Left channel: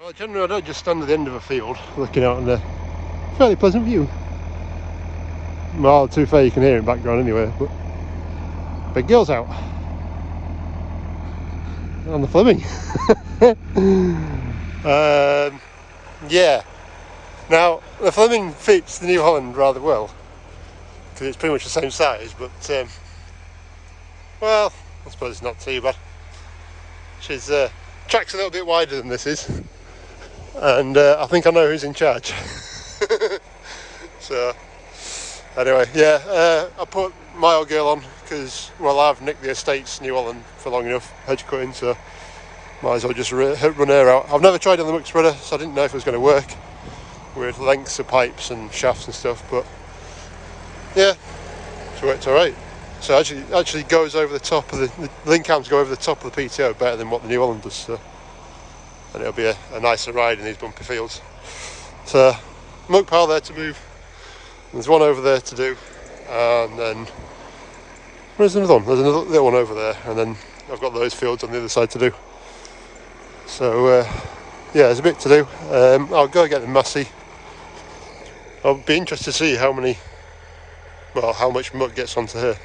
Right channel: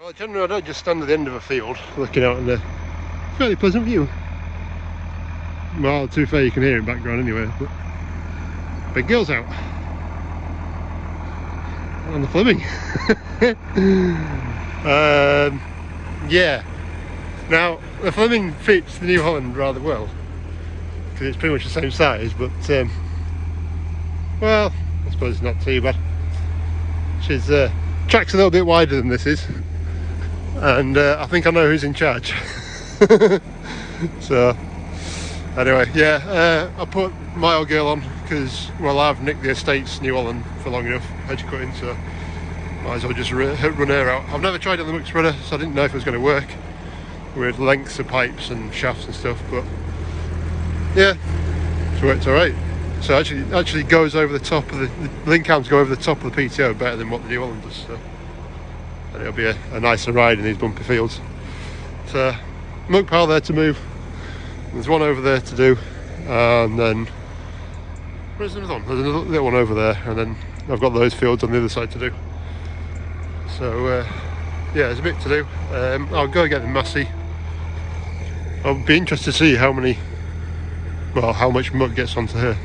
Well, generally I don't just stand at the end of a field looking out on the fairly pleasant view. Well, too fair you can hear it in the background anyway, but big girl's out on the Fleming. Yeah, now the Fleming fits the New Holland rather well because it's pretty much the same size, but well, I suppose it's not too bad. She's track's a little bit wider than this is, and I think I know who's in charge. So anyway, yeah, I put my old girl on because, well, I've nicked the estate's New Holland for long enough, hedge cutting, so might as well just run her out. I've never tried it on the muck spreader, so I didn't know if it was going to work with lengths of pipes and shafts and stuff, but yeah, it's worked alright. So it actually goes over the top of the link arms go over the top of the PTO better than what the New Holland does, so, and it'll be a nicer ride in these bumpy fields. So muck pile there to move, there's one over there to do, and then there's another one, there's another little one over there, and then I've got those fields on the other side to do. So yeah, there's a bit to do. I'll go get the Massey. I'll be interested to see how much muck gets onto her.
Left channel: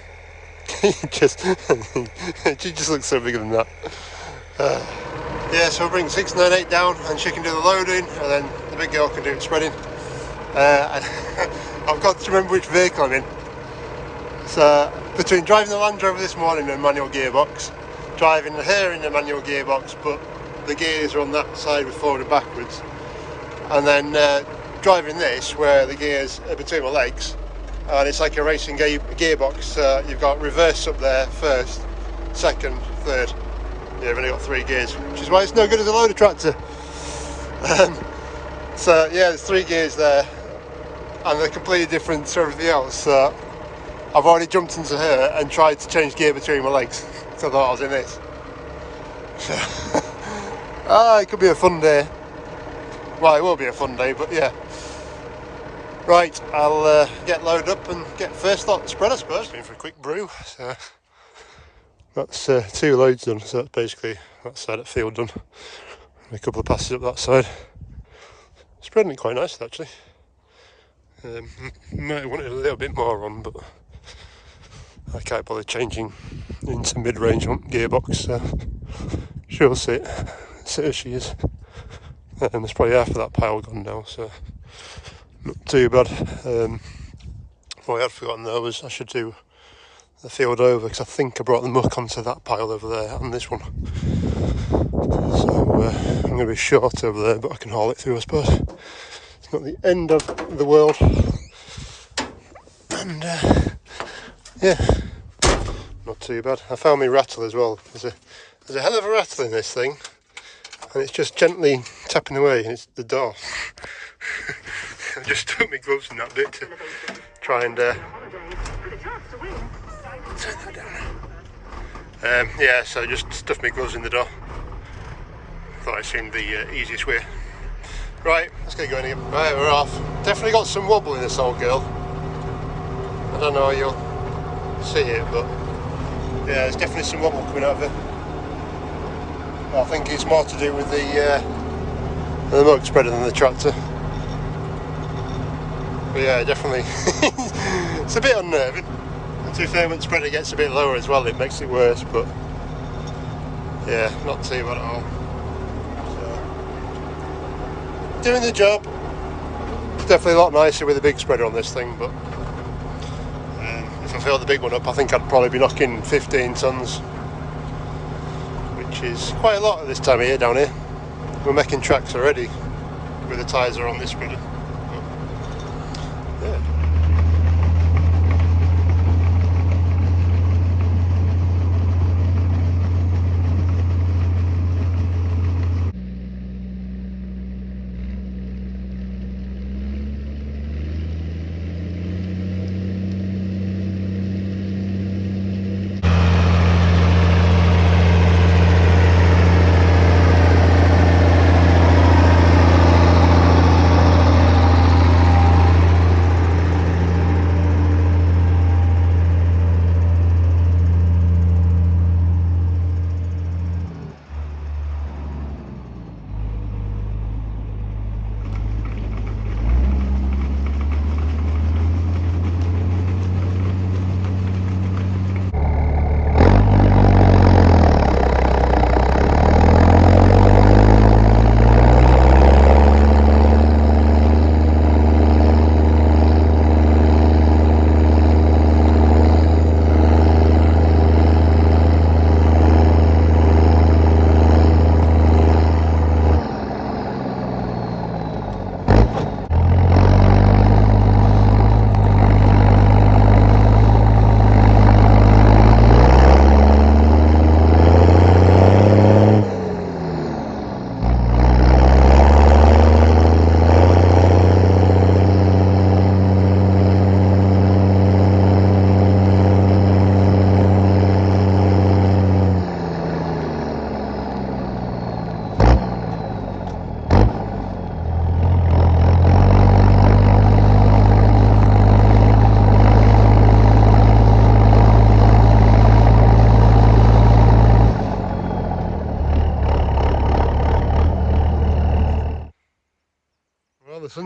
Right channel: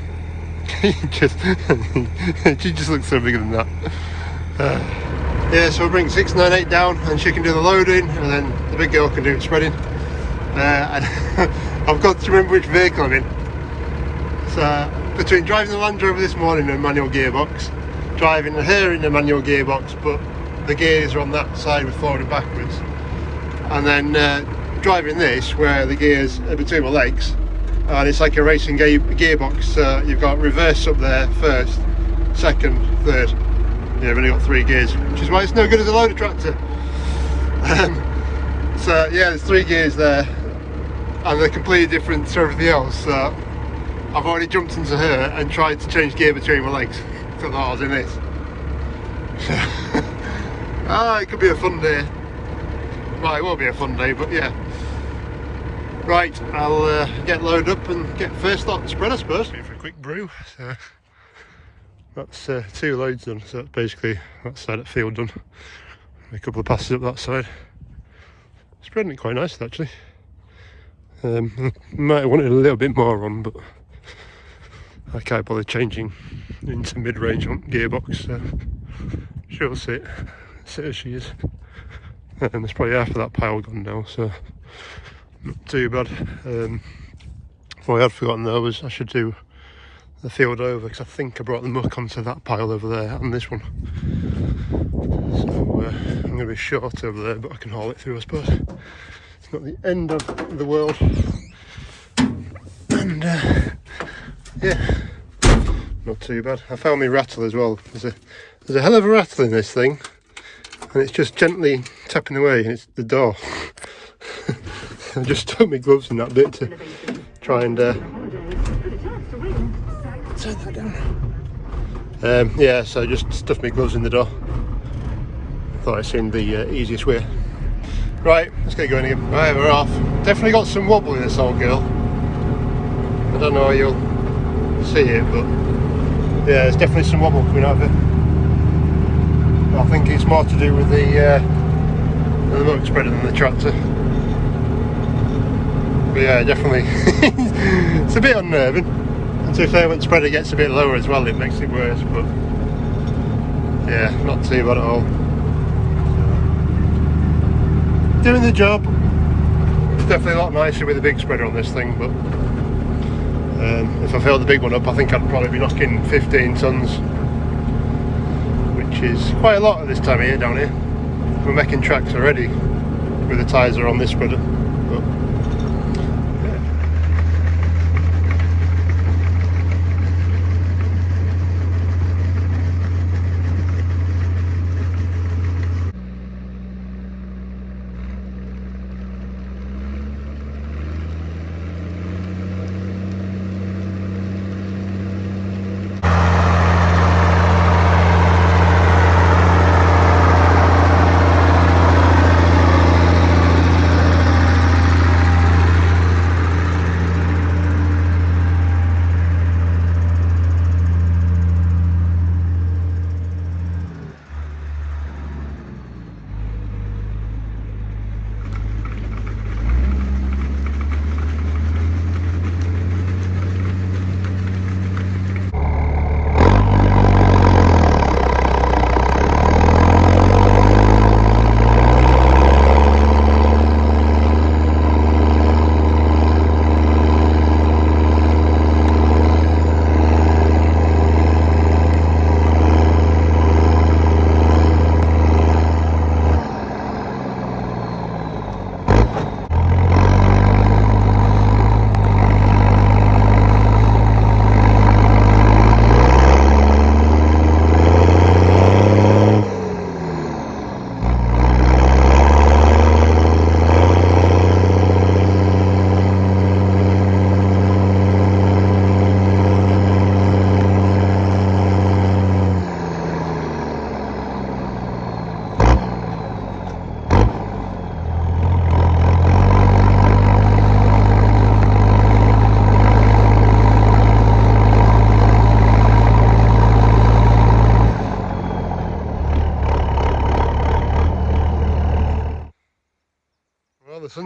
She just looks so bigger than that. Yeah, so we'll bring 698 down and she can do the loading, and then the big girl can do the spreading. And I've got to remember which vehicle I'm in. So between driving the Land Rover this morning in a manual gearbox, driving her in a manual gearbox, but the gears are on that side with forward and backwards, and then driving this where the gears are between my legs, and it's like a racing gearbox. You've got reverse up there first, second, third. Yeah, I've only got 3 gears, which is why it's no good as a loader tractor. So yeah, there's 3 gears there, and they're completely different to everything else. So I've already jumped into her and tried to change gear between my legs, so I thought I was in this. It could be a fun day. Well, it will be a fun day, but yeah. Right, I'll get loaded up and get first lot spread, I suppose. In for a quick brew. So that's 2 loads done, so that's basically that side of the field done. A couple of passes up that side. Spreading it quite nicely, actually. Might have wanted a little bit more on, but I can't bother changing into mid-range on gearbox, so she'll sit as she is. And there's probably half of that pile gone now, so not too bad. What I had forgotten though was I should do the field over, because I think I brought the muck onto that pile over there and this one. So I'm going to be short over there, but I can haul it through, I suppose. It's not the end of the world. And yeah, not too bad. I found my rattle as well. There's a hell of a rattle in this thing, and it's just gently tapping away, and it's the door. I just took my gloves in that bit to try and turn that down. Yeah, so just stuffed my gloves in the door. Thought it seemed the easiest way. Right, let's get going again. Right, we're off. Definitely got some wobble in this old girl. I don't know how you'll see it, but yeah, there's definitely some wobble coming out of it. But I think it's more to do with the muck spreader than the tractor. But yeah, definitely. It's a bit unnerving. To be fair, when the spreader gets a bit lower as well, it makes it worse, but yeah, not too bad at all. So, doing the job. It's definitely a lot nicer with a big spreader on this thing, but if I filled the big one up, I think I'd probably be knocking 15 tons, which is quite a lot at this time of year down here. We're making tracks already with the tyres are on this spreader. But yeah.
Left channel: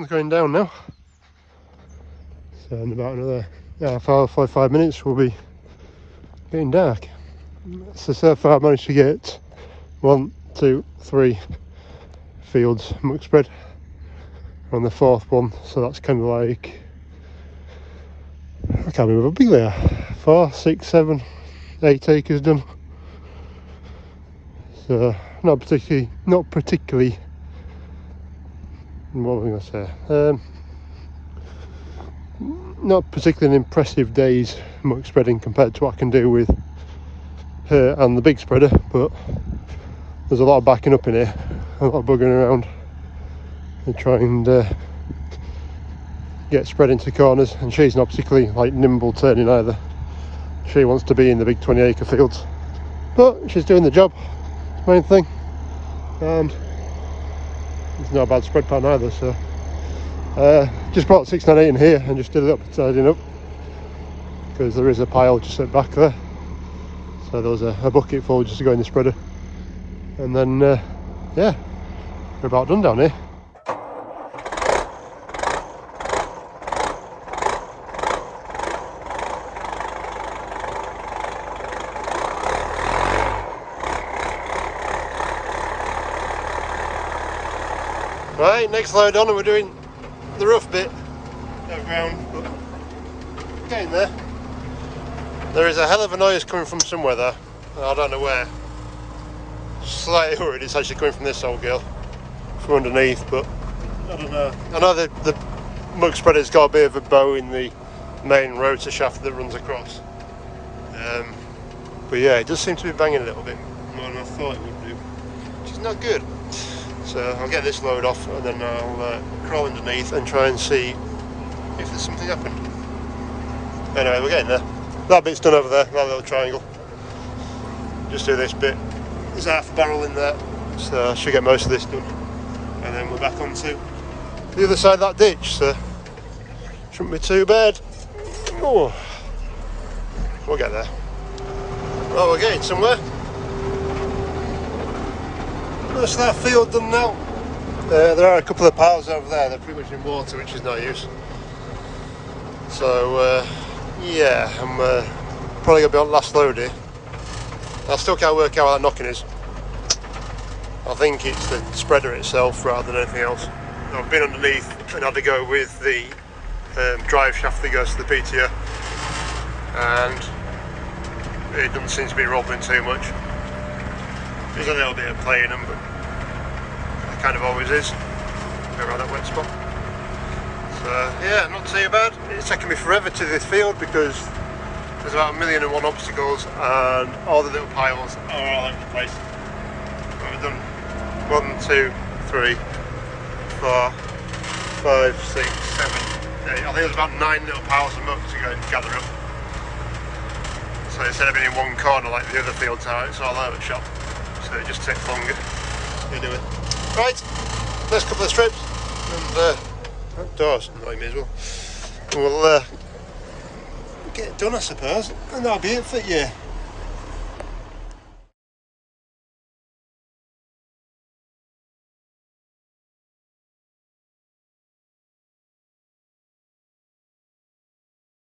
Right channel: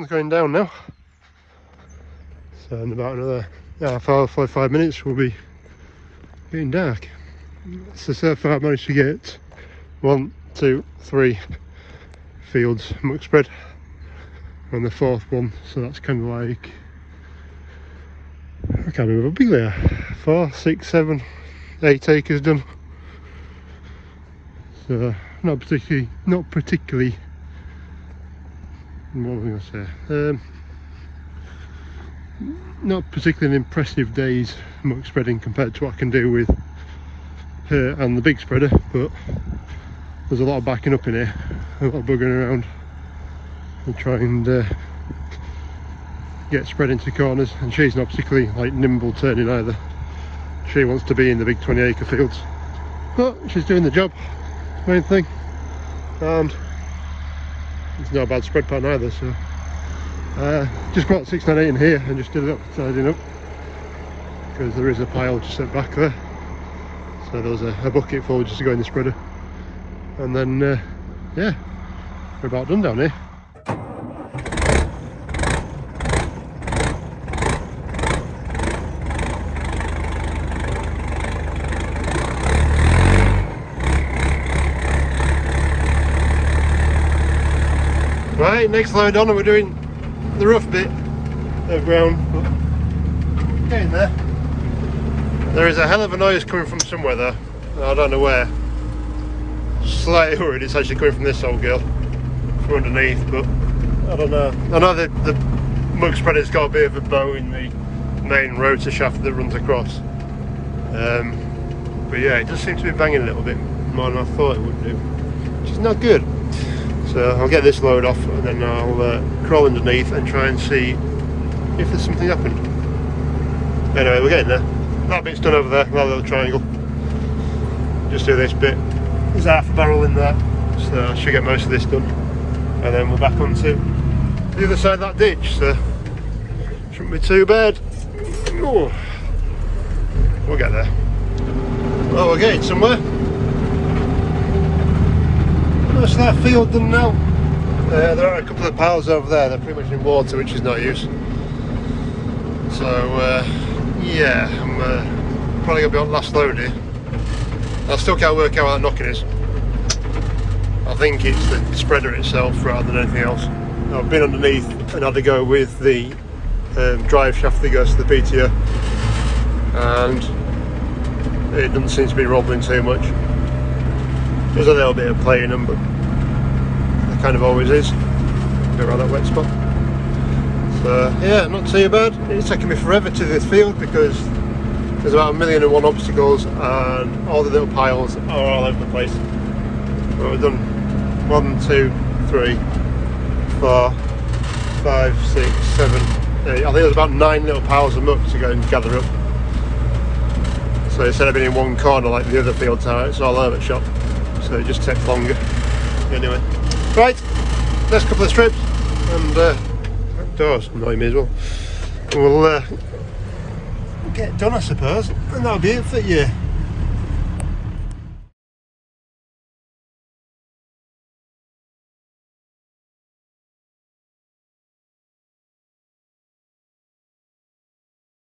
sun's going down now. So in about another half hour, 45 minutes, we'll be getting dark. So far I've managed to get 1, 2, 3 fields muck spread on the 4th one, so that's kind of like, I can't remember how big they are, 4, 6, 7, 8 acres done. So not particularly, what was I going to say? Not particularly an impressive day's muck spreading compared to what I can do with her and the big spreader, but there's a lot of backing up in here, a lot of buggering around and trying to get spread into corners, and she's not particularly like nimble turning either. She wants to be in the big 20-acre fields, but she's doing the job, main thing, and it's not a bad spread pattern either. So just brought 698 in here and just did it up, tidying up, because there is a pile just at back there, so there was a bucket full just to go in the spreader, and then yeah, we're about done down here. Right, next load on, and we're doing the rough bit of ground, but getting there. There is a hell of a noise coming from somewhere there, I don't know where. Slightly worried it's actually coming from this old girl from underneath, but I don't know. I know that the muck spreader's got a bit of a bow in the main rotor shaft that runs across, but yeah, it does seem to be banging a little bit more than I thought it would do, which is not good. So I'll get this load off and then I'll crawl underneath and try and see if there's something happened. Anyway, we're getting there. That bit's done over there, that little triangle. Just do this bit. There's half a barrel in there, so I should get most of this done. And then we're back onto the other side of that ditch, so shouldn't be too bad. Oh, we'll get there. Well, we're getting somewhere. That's that field done now. There are a couple of piles over there, they're pretty much in water, which is no use. So yeah, I'm probably going to be on last load here. I still can't work out what that knocking is. I think it's the spreader itself rather than anything else. I've been underneath and had to go with the drive shaft that goes to the PTO, and it doesn't seem to be rubbling too much. There's a little bit of play in them, but there kind of always is. Go around that wet spot. So yeah, not too bad. It's taken me forever to this field because there's about 1,000,001 obstacles and all the little piles are all over the place. So we've done 1, 2, 3, 4, 5, 6, 7, 8. I think there's about 9 little piles of muck to go and gather up. So instead of being in one corner like the other fields are, it's all over the shop. So it just takes longer. Anyway, right, next couple of strips, and that door's annoying me as well. We'll get it done, I suppose, and that'll be it for you.